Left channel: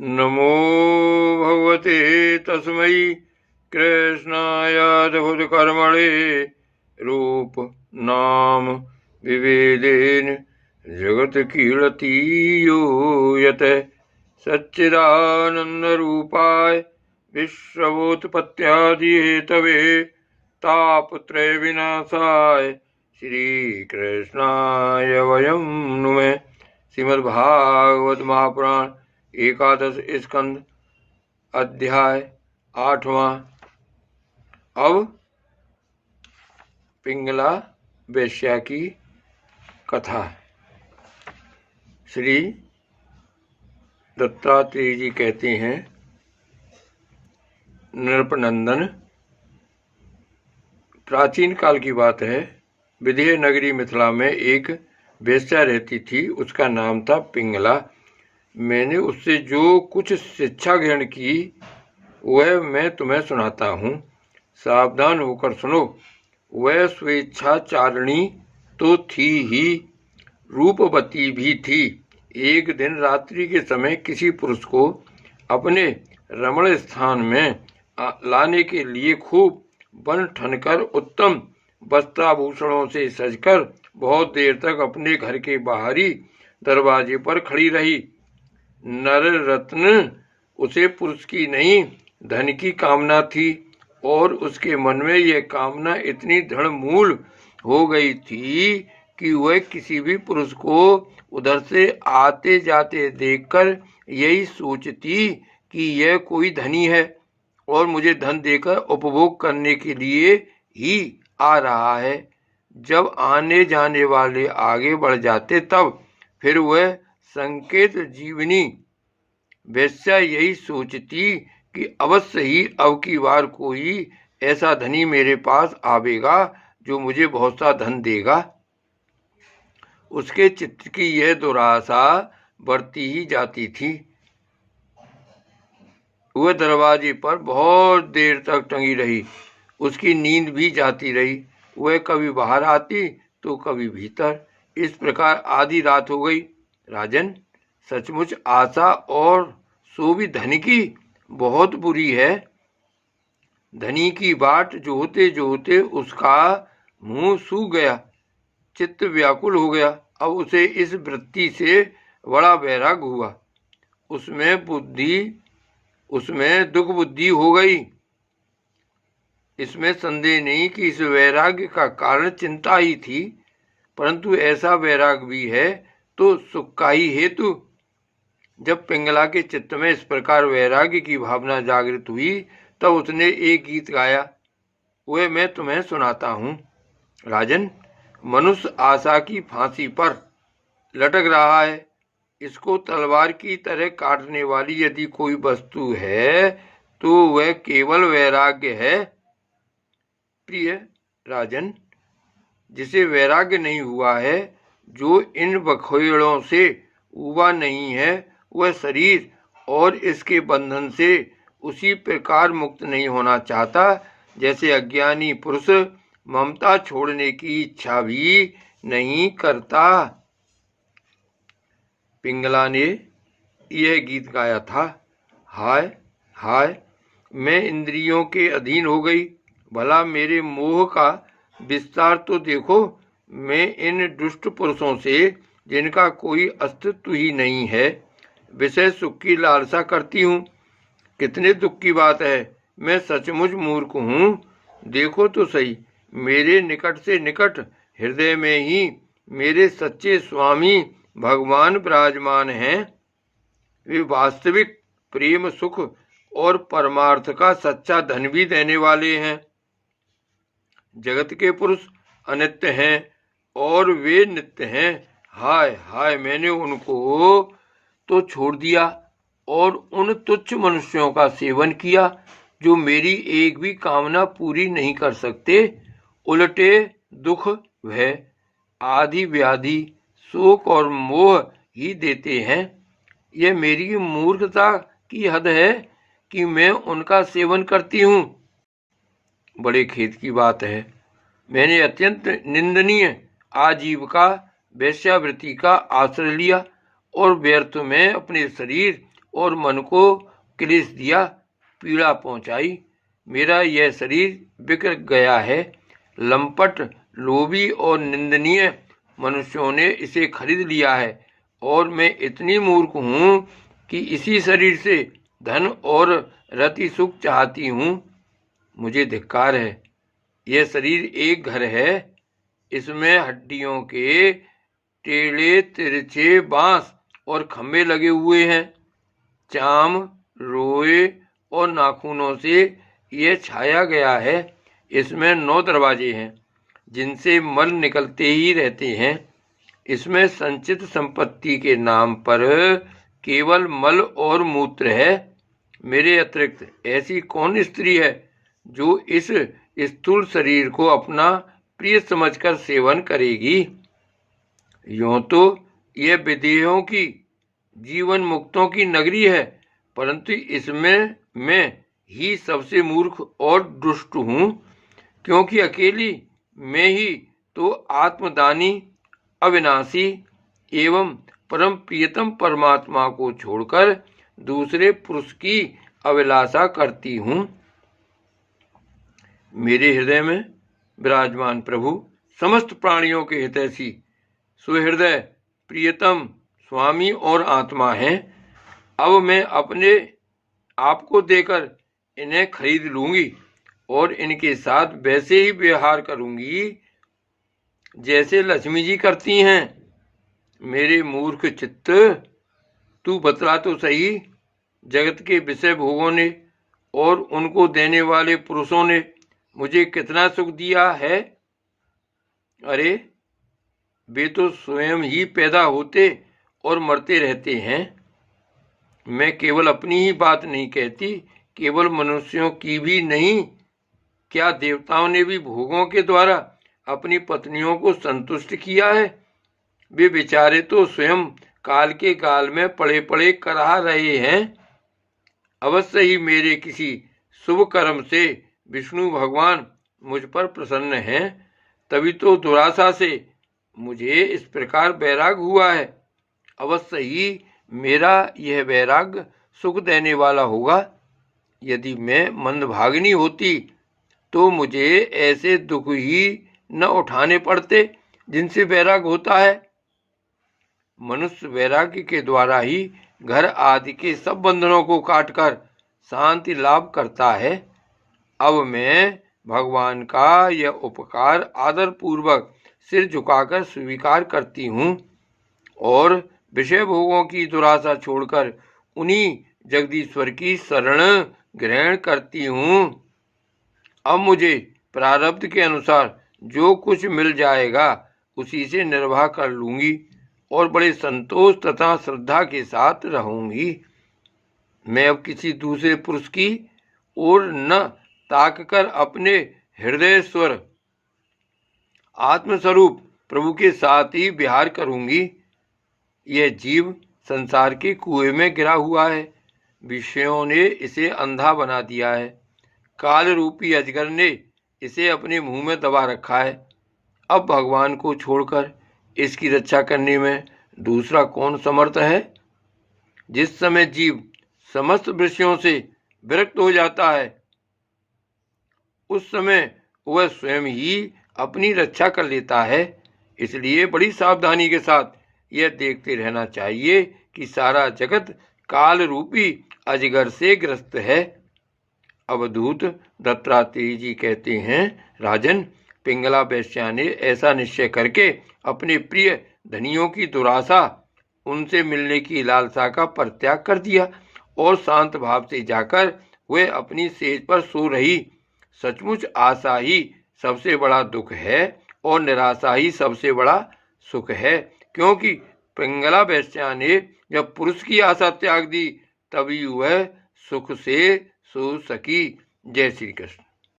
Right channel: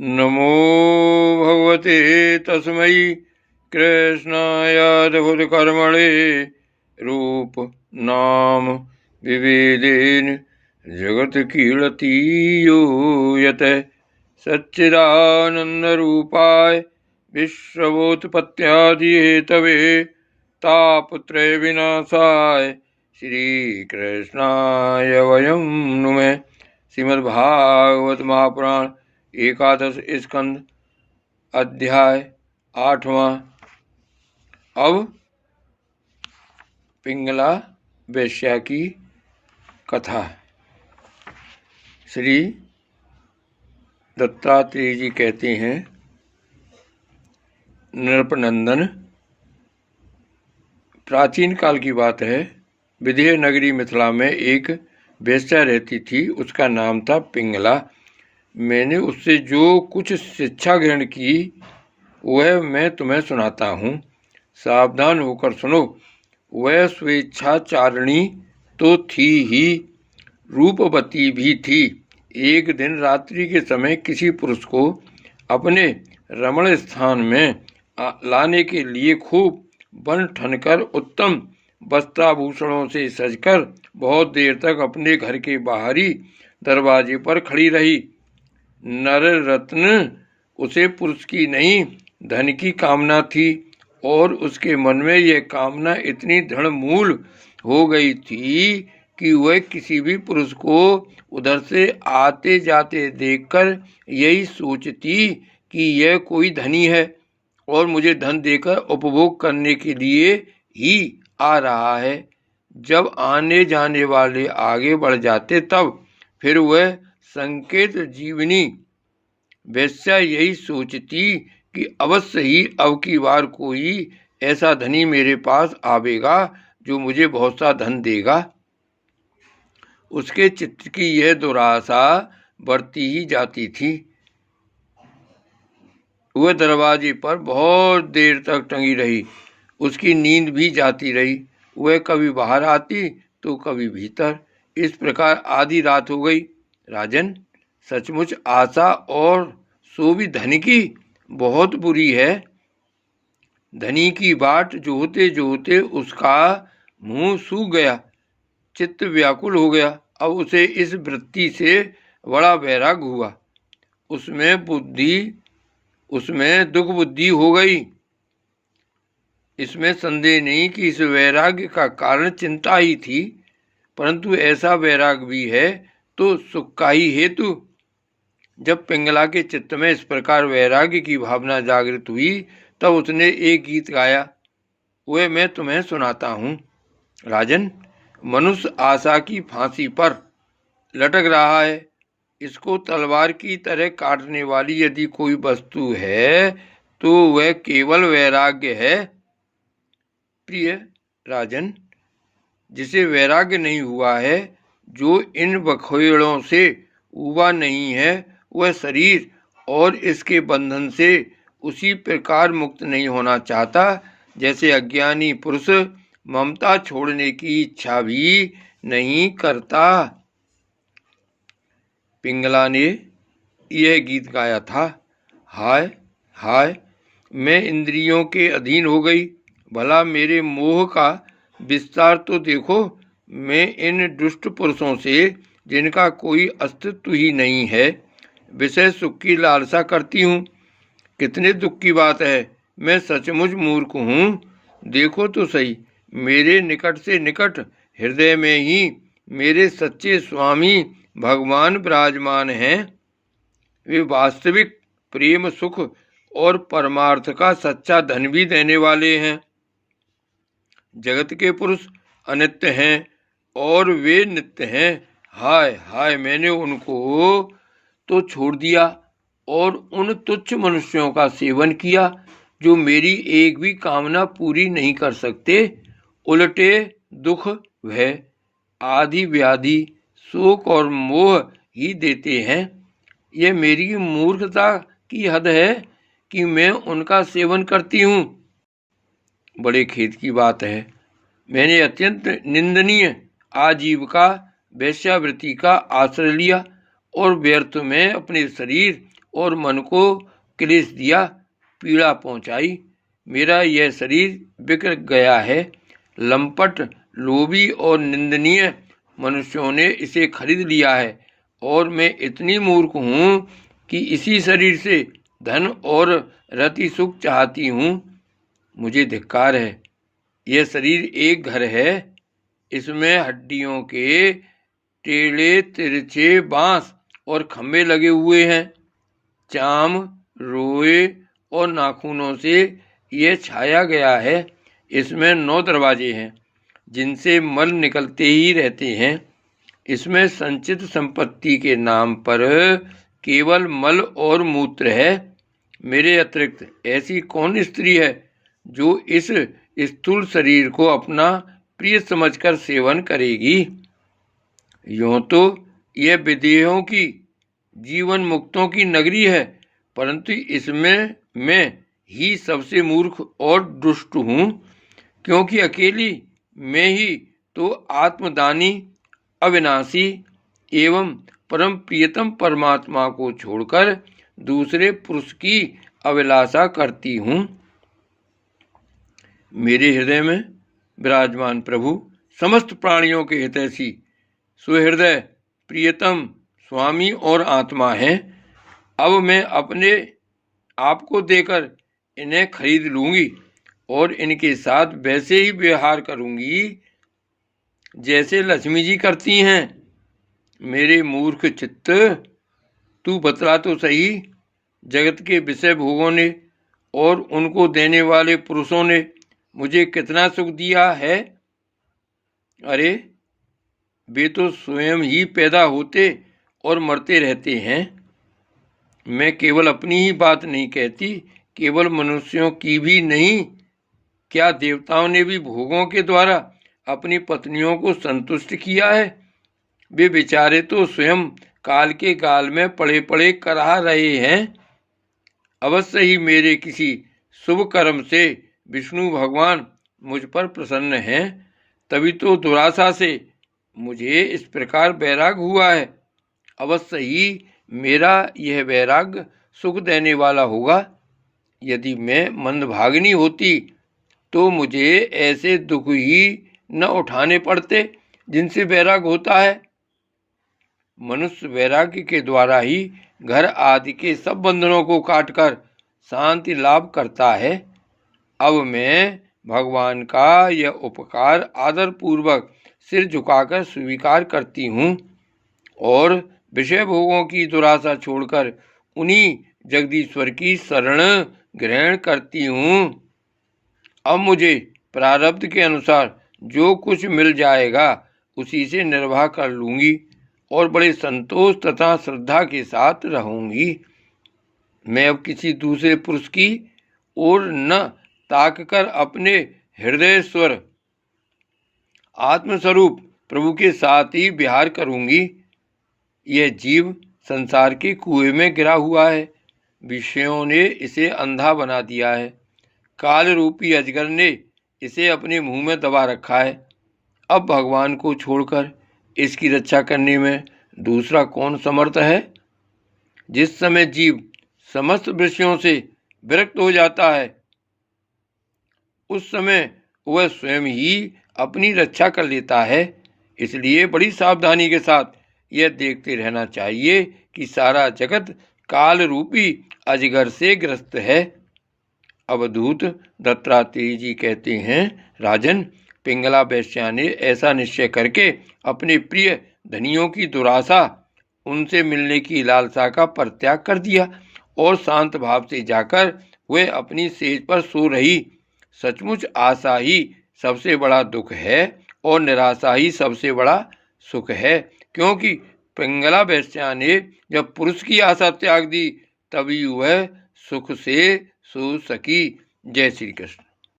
नमो भगवते तस्मै कृष्णायाद्भुतकर्मणे रूप नाम विभेदेन जगत्कीर्ति यो यतः सच्चिदानन्दरूपाय विश्वोत्पत्त्यादिहेतवे तापत्रय विनाशाय श्रीकृष्णाय वयं नुमः। श्रीमद्भागवत महापुराण एकादश स्कंद अध्याय 8वां। अब पिंगला वेश्या की कथा। श्री दत्तात्रेय जी कहते हैं, नृपनंदन, प्राचीन काल की बात है। विदेह नगरी मिथिला में एक वेश्या रहती थी। उसका नाम था पिंगला। मैंने उससे जो कुछ शिक्षा ग्रहण की वह मैं तुम्हें सुनाता हूँ। सावधान होकर सुनो। वह स्वेच्छाचारिणी तो थी ही, रूपवती भी थी। एक दिन रात्रि के समय किसी पुरुष को अपने रमण स्थान में लाने के लिए खूब बन ठनकर उत्तम वस्त्राभूषणों से सजकर बहुत देर तक अपने घर के बाहरी दरवाजे पर खड़ी रही। नर रत्न उसे पुरुष की नहीं धन की कामना थी और उसके मन में यह कामना इतनी दृढ़ मूल हो गई थी कि वह किसी भी पुरुष को उधर से आते जाते देखकर यही सोचती कि यह कोई धनी है और मुझे धन देकर उपभोग करने के लिए ही आ रहा है। जब आने जाने वाले आगे बढ़ जाते तब फिर वह संकेत जीवनी वेश्या यही सोचती कि अवश्य ही अब की बार कोई ऐसा धनी मेरे पास आवेगा जो मुझे बहुत सा धन देगा। उसके चित्त की यह दुराशा बढ़ती ही जाती थी। वह दरवाजे पर बहुत देर तक टंगी रही। उसकी नींद भी जाती रही। वह कभी बाहर आती तो कभी भीतर। इस प्रकार आधी रात हो गई। राजन, सचमुच आशा और सो भी धन की बहुत बुरी है। धनी की बाट जोहते जोहते उसका मुंह सूख गया, चित्त व्याकुल हो गया। अब उसे इस वृत्ति से बड़ा वैराग हुआ। उसमें दुख बुद्धि हो गई। इसमें संदेह नहीं कि इस वैराग्य का कारण चिंता ही थी, परंतु ऐसा वैराग भी है तो सुख का ही हेतु। जब पिंगला के चित्त में इस प्रकार वैराग्य की भावना जागृत हुई तब उसने एक गीत गाया। वह मैं तुम्हें सुनाता हूँ। राजन, मनुष्य आशा की फांसी पर लटक रहा है। इसको तलवार की तरह काटने वाली यदि कोई वस्तु है तो वह केवल वैराग्य है। प्रिय राजन, जिसे वैराग्य नहीं हुआ है, जो इन बखेड़ों से उबा नहीं है, वह शरीर और इसके बंधन से उसी प्रकार मुक्त नहीं होना चाहता जैसे अज्ञानी पुरुष ममता छोड़ने की इच्छा भी नहीं करता। पिंगला ने यह गीत गाया था। हाय हाय, मैं इंद्रियों के अधीन हो गई। भला मेरे मोह का विस्तार तो देखो। मैं इन दुष्ट पुरुषों से, जिनका कोई अस्तित्व ही नहीं है, विषय सुख की लालसा करती हूँ। कितने दुख की बात है। मैं सचमुच मूर्ख हूँ। देखो तो सही, मेरे निकट से निकट हृदय में ही मेरे सच्चे स्वामी भगवान विराजमान हैं। वे वास्तविक प्रेम, सुख और परमार्थ का सच्चा धन भी देने वाले हैं। जगत के पुरुष अनित्य हैं और वे नित्य हैं। हाय हाय, मैंने उनको तो छोड़ दिया और उन तुच्छ मनुष्यों का सेवन किया जो मेरी एक भी कामना पूरी नहीं कर सकते। उल्टे दुख, भय, आदि व्याधि, शोक और मोह ही देते हैं। यह मेरी मूर्खता की हद है कि मैं उनका सेवन करती हूँ। बड़े खेद की बात है। मैंने अत्यंत निंदनीय आजीविका वेश्यावृत्ति का आश्रय लिया और व्यर्थ में अपने शरीर और मन को क्लेश दिया, पीड़ा पहुंचाई। मेरा यह शरीर बिखर गया है। लंपट, लोभी और निंदनीय मनुष्यों ने इसे खरीद लिया है और मैं इतनी मूर्ख हूँ कि इसी शरीर से धन और रति सुख चाहती हूँ। मुझे धिक्कार है। यह शरीर एक घर है। इसमें हड्डियों के टेढ़े तिरछे बांस और खंभे लगे हुए हैं। चाम, रोए और नाखूनों से यह छाया गया है। इसमें 9 दरवाजे हैं जिनसे मल निकलते ही रहते हैं। इसमें संचित संपत्ति के नाम पर केवल मल और मूत्र है। मेरे अतिरिक्त ऐसी कौन स्त्री है जो इस स्थूल शरीर को अपना प्रिय समझकर सेवन करेगी? यूं तो यह विदेहों की, जीवन मुक्तों की नगरी है, परंतु इसमें मैं ही सबसे मूर्ख और दुष्ट हूँ, क्योंकि अकेली मैं ही तो आत्मदानी, अविनाशी एवं परम प्रियतम परमात्मा को छोड़कर दूसरे पुरुष की अभिलाषा करती हूँ। मेरे हृदय में विराजमान प्रभु समस्त प्राणियों के हितैषी, सुहृदय, प्रियतम स्वामी और आत्मा हैं। अब मैं अपने आप को देकर इन्हें खरीद लूंगी और इनके साथ वैसे ही व्यवहार करूंगी जैसे लक्ष्मी जी करती हैं। मेरे मूर्ख चित्त, तू बतला तो सही, जगत के विषय भोगों ने और उनको देने वाले पुरुषों ने मुझे कितना सुख दिया है? अरे, वे तो स्वयं ही पैदा होते और मरते रहते हैं। मैं केवल अपनी ही बात नहीं कहती, केवल मनुष्यों की भी नहीं, क्या देवताओं ने भी भोगों के द्वारा अपनी पत्नियों को संतुष्ट किया है? वे बेचारे तो स्वयं काल के गाल में पड़े पड़े कराह रहे हैं। अवश्य ही मेरे किसी शुभ कर्म से विष्णु भगवान मुझ पर प्रसन्न हैं, तभी तो दुराशा से मुझे इस प्रकार वैराग हुआ है। अवश्य ही मेरा यह वैराग सुख देने वाला होगा। यदि मैं मंदभागिनी होती तो मुझे ऐसे दुख ही न उठाने पड़ते जिनसे वैराग होता है। मनुष्य वैराग्य के द्वारा ही घर आदि के सब बंधनों को काटकर शांति लाभ करता है। अब मैं भगवान का यह उपकार आदर पूर्वक सिर झुकाकर स्वीकार करती हूँ और विषय भोगों की दुराशा छोड़कर उन्हीं जगदीश्वर की शरण ग्रहण करती हूँ। अब मुझे प्रारब्ध के अनुसार जो कुछ मिल जाएगा उसी से निर्वाह कर लूंगी और बड़े संतोष तथा श्रद्धा के साथ रहूंगी। मैं अब किसी दूसरे पुरुष की ओर न ताककर अपने हृदय स्वर आत्मस्वरूप प्रभु के साथ ही विहार करूंगी। यह जीव संसार के कुएं में गिरा हुआ है। विषयों ने इसे अंधा बना दिया है। काल रूपी अजगर ने इसे अपने मुंह में दबा रखा है। अब भगवान को छोड़कर इसकी रक्षा करने में दूसरा कौन समर्थ है? जिस समय जीव समस्त विषयों से विरक्त हो जाता है, उस समय वह स्वयं ही अपनी रक्षा कर लेता है। इसलिए बड़ी सावधानी के साथ यह देखते रहना चाहिए कि सारा जगत काल रूपी अजगर से ग्रस्त है। अवधूत दत्तात्रेय जी कहते हैं, राजन, पिंगला वेश्या ने ऐसा निश्चय करके अपने प्रिय धनियों की दुराशा, उनसे मिलने की लालसा का परित्याग कर दिया और शांत भाव से जाकर वह अपनी सेज पर सो रही। सचमुच आशा ही सबसे बड़ा दुख है और निराशा ही सबसे बड़ा सुख है, क्योंकि पिंगला वेश्या ने जब पुरुष की आशा त्याग दी तभी वह सुख से सो सकी। जय श्री कृष्ण।